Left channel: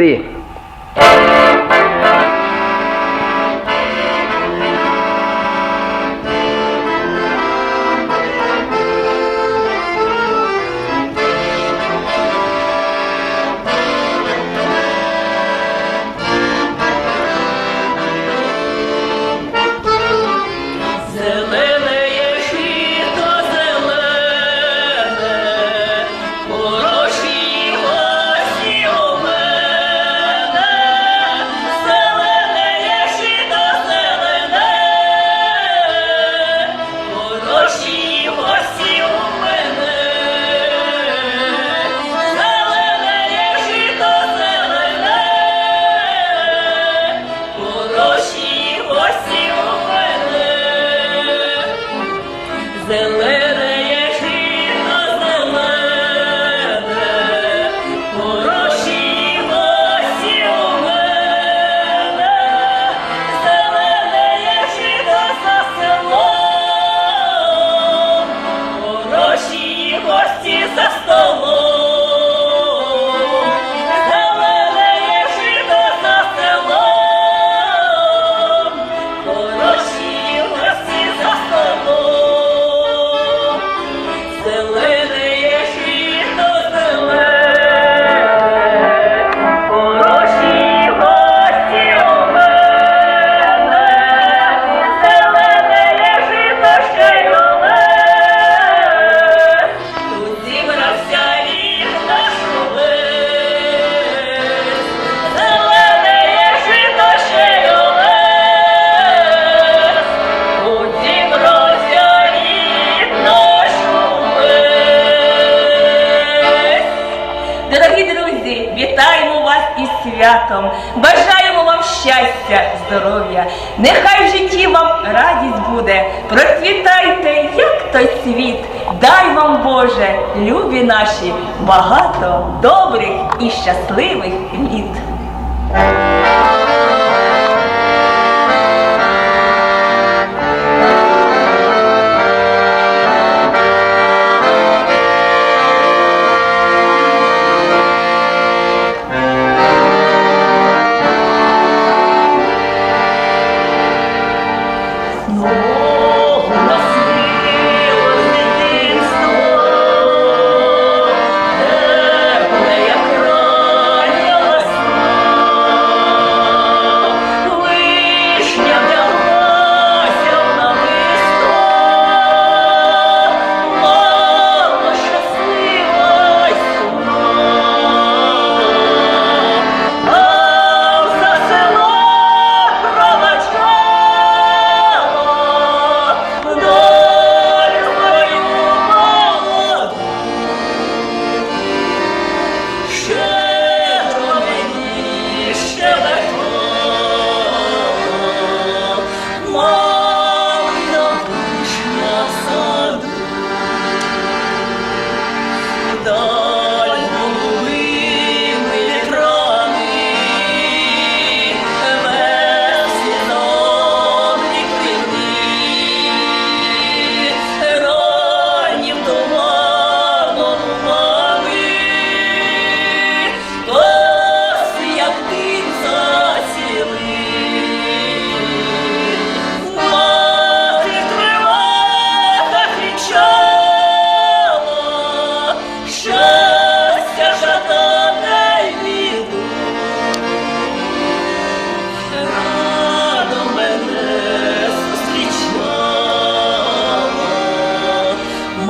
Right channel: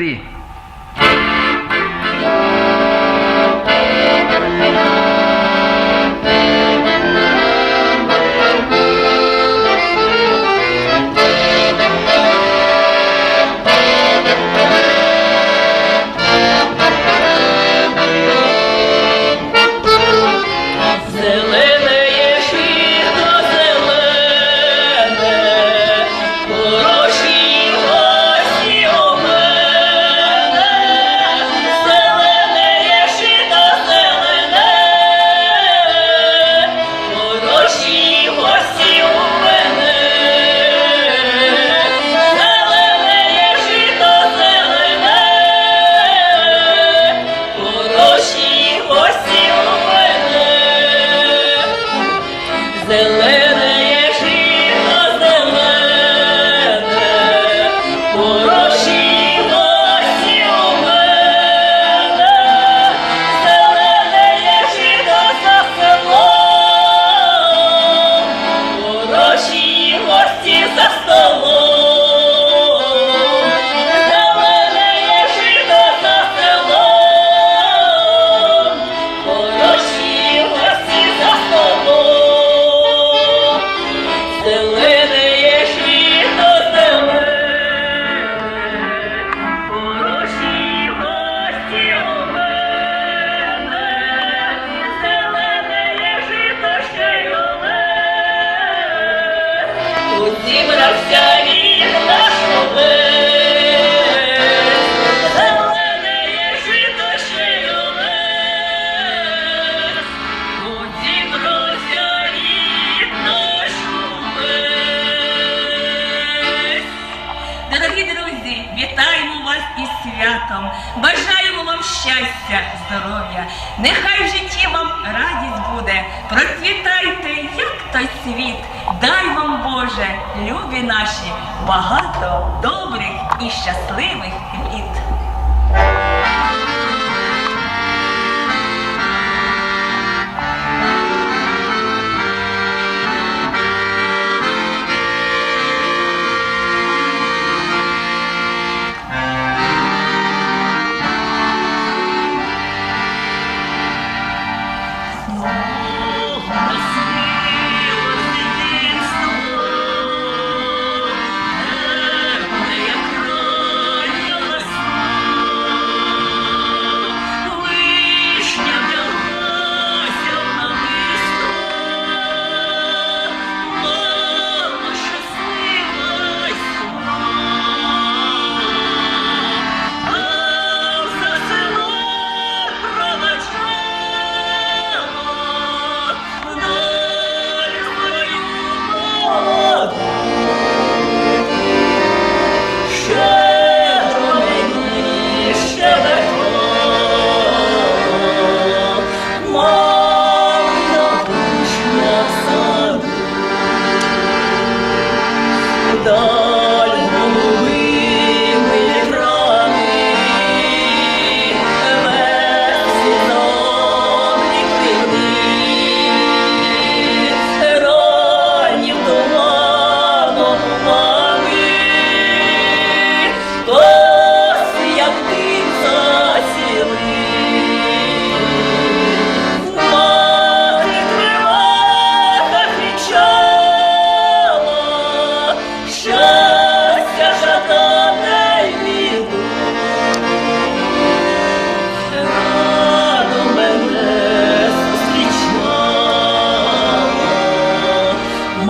entre. святом. Бажаємо вам щастя, здоров'я, нехай житті вам радість буде. Процвітайте, як той світ. Дай вам, Боже, любі наші, багато добрих і щасливих літ. Lord.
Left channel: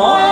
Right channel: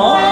萌え